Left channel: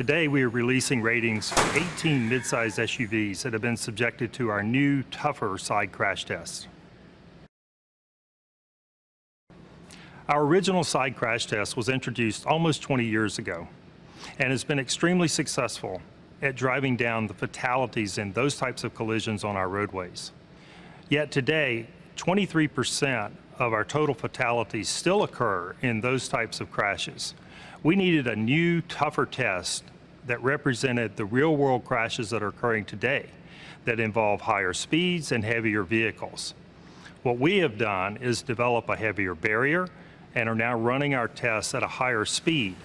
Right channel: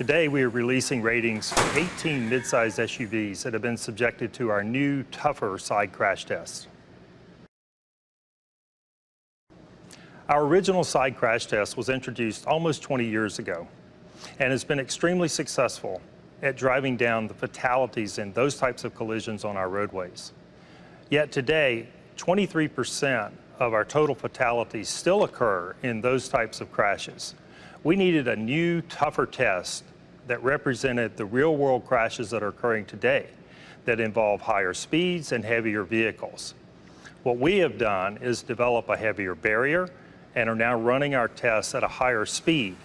Today we are releasing ratings for 18 midsize SUVs that have been subjected to our new, tougher side crash test. Our original side crash test was introduced almost 20 years ago and has been extremely successful at driving down the fatalities in those types of collisions on our roadways. Yet today, 23% of our total fatalities still occur in those types of crashes. We needed a new, tougher test that represented the real-world crashes that are occurring today that involve higher speeds and heavier vehicles. What we have done is develop a heavier barrier and are now running our tests at a higher speed.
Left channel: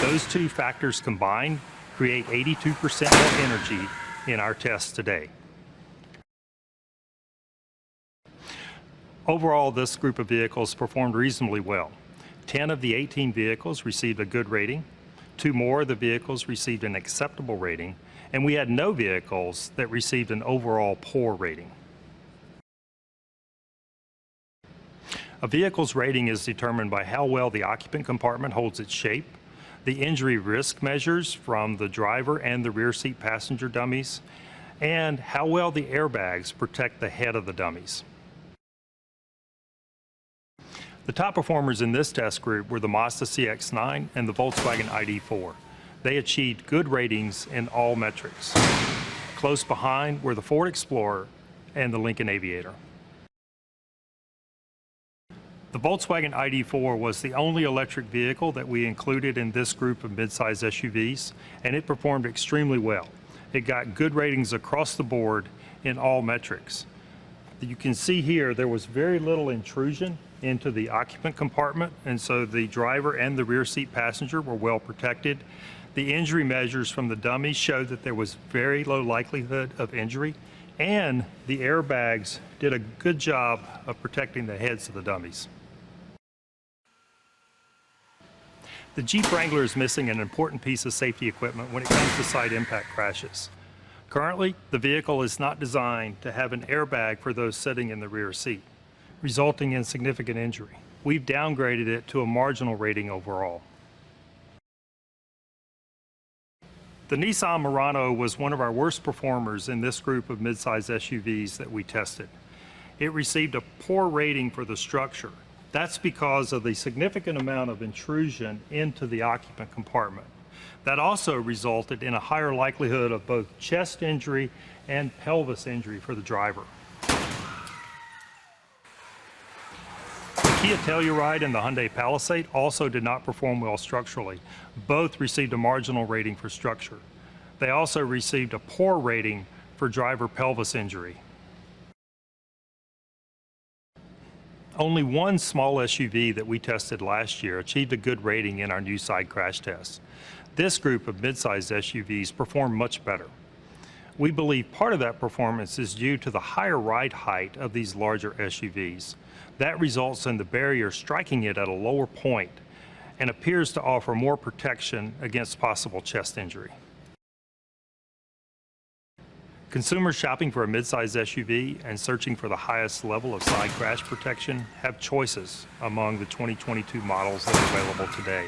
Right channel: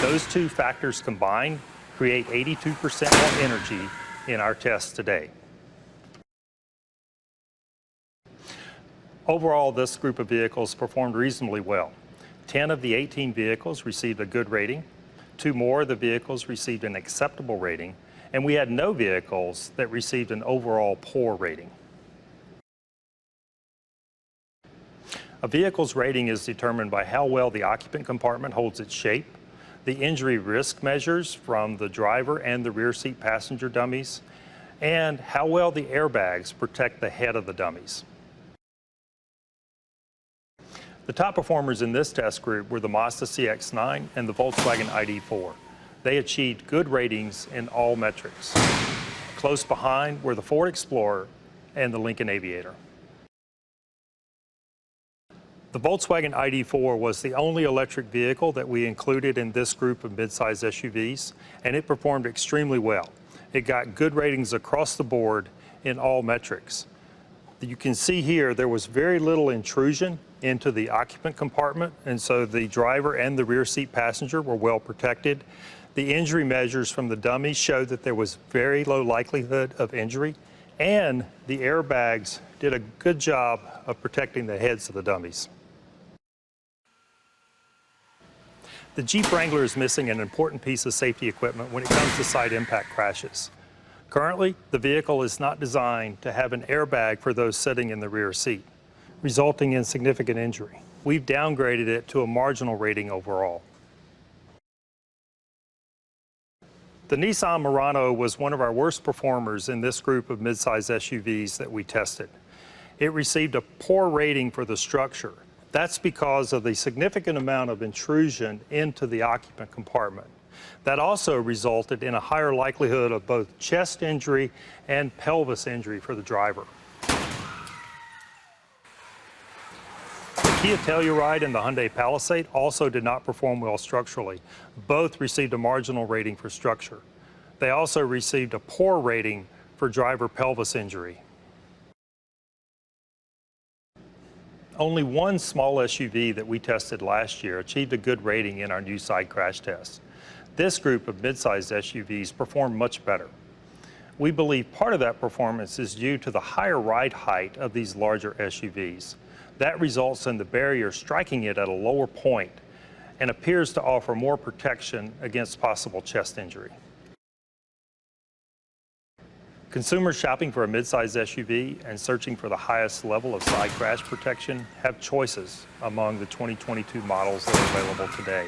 Those two factors combined create 82% net energy in our tests today. Overall, this group of vehicles performed reasonably well. 10 of the 18 vehicles received a good rating, 2 more of the vehicles received an acceptable rating, and we had no vehicles that received an overall poor rating. A vehicle's rating is determined by how well the occupant compartment holds its shape, the injury risk measures from the driver and the rear seat passenger dummies, and how well the airbags protect the head of the dummies. The top performers in this test group were the Mazda CX-9 and the Volkswagen ID.4. They achieved good ratings in all metrics. Close behind were the Ford Explorer and the Lincoln Aviator. The Volkswagen ID.4 was the only electric vehicle that we included in this group of midsize SUVs, and it performed extremely well. It got good ratings across the board in all metrics. You can see here there was very little intrusion into the occupant compartment, and so the driver and the rear seat passenger were well protected. The injury measures from the dummies showed that there was very low likelihood of injury, and the airbags did a good job of protecting the heads of the dummies. The Jeep Wrangler is missing an important piece of safety equipment when it comes to side impact crashes. Currently, the vehicle is not designed to have an airbag for those sitting in the rear seat, resulting in significant injury. We've downgraded it to a marginal rating overall. The Nissan Murano was one of our worst performers in this group of midsize SUVs that we tested. It received a poor rating for the structure. That's because of the significant amount of intrusion into the occupant compartment. That also resulted in a higher likelihood of both chest injury and pelvis injury for the driver. Kia Telluride and the Hyundai Palisade also did not perform well structurally. Both received a marginal rating for structure. They also received a poor rating for driver pelvis injury. Only one small SUV that we tested last year achieved a good rating in our new side crash test. This group of midsize SUVs performed much better. We believe part of that performance is due to the higher ride height of these larger SUVs. That results in the barrier striking it at a lower point and appears to offer more protection against possible chest injury. Consumers shopping for a midsize SUV and searching for the highest level of side crash protection have choices among the 2022 models that are available today,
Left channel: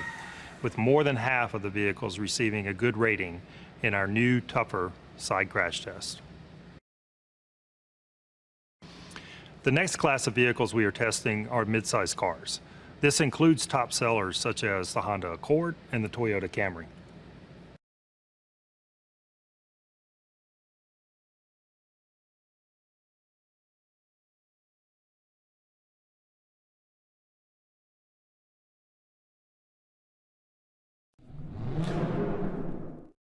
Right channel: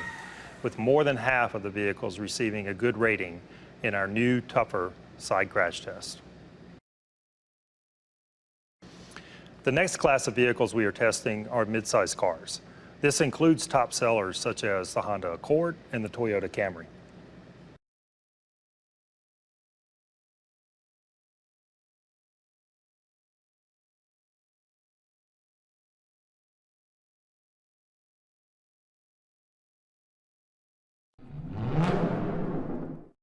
with more than half of the vehicles receiving a good rating in our new, tougher side crash test. The next class of vehicles we are testing are midsize cars. This includes top sellers such as the Honda Accord and the Toyota Camry.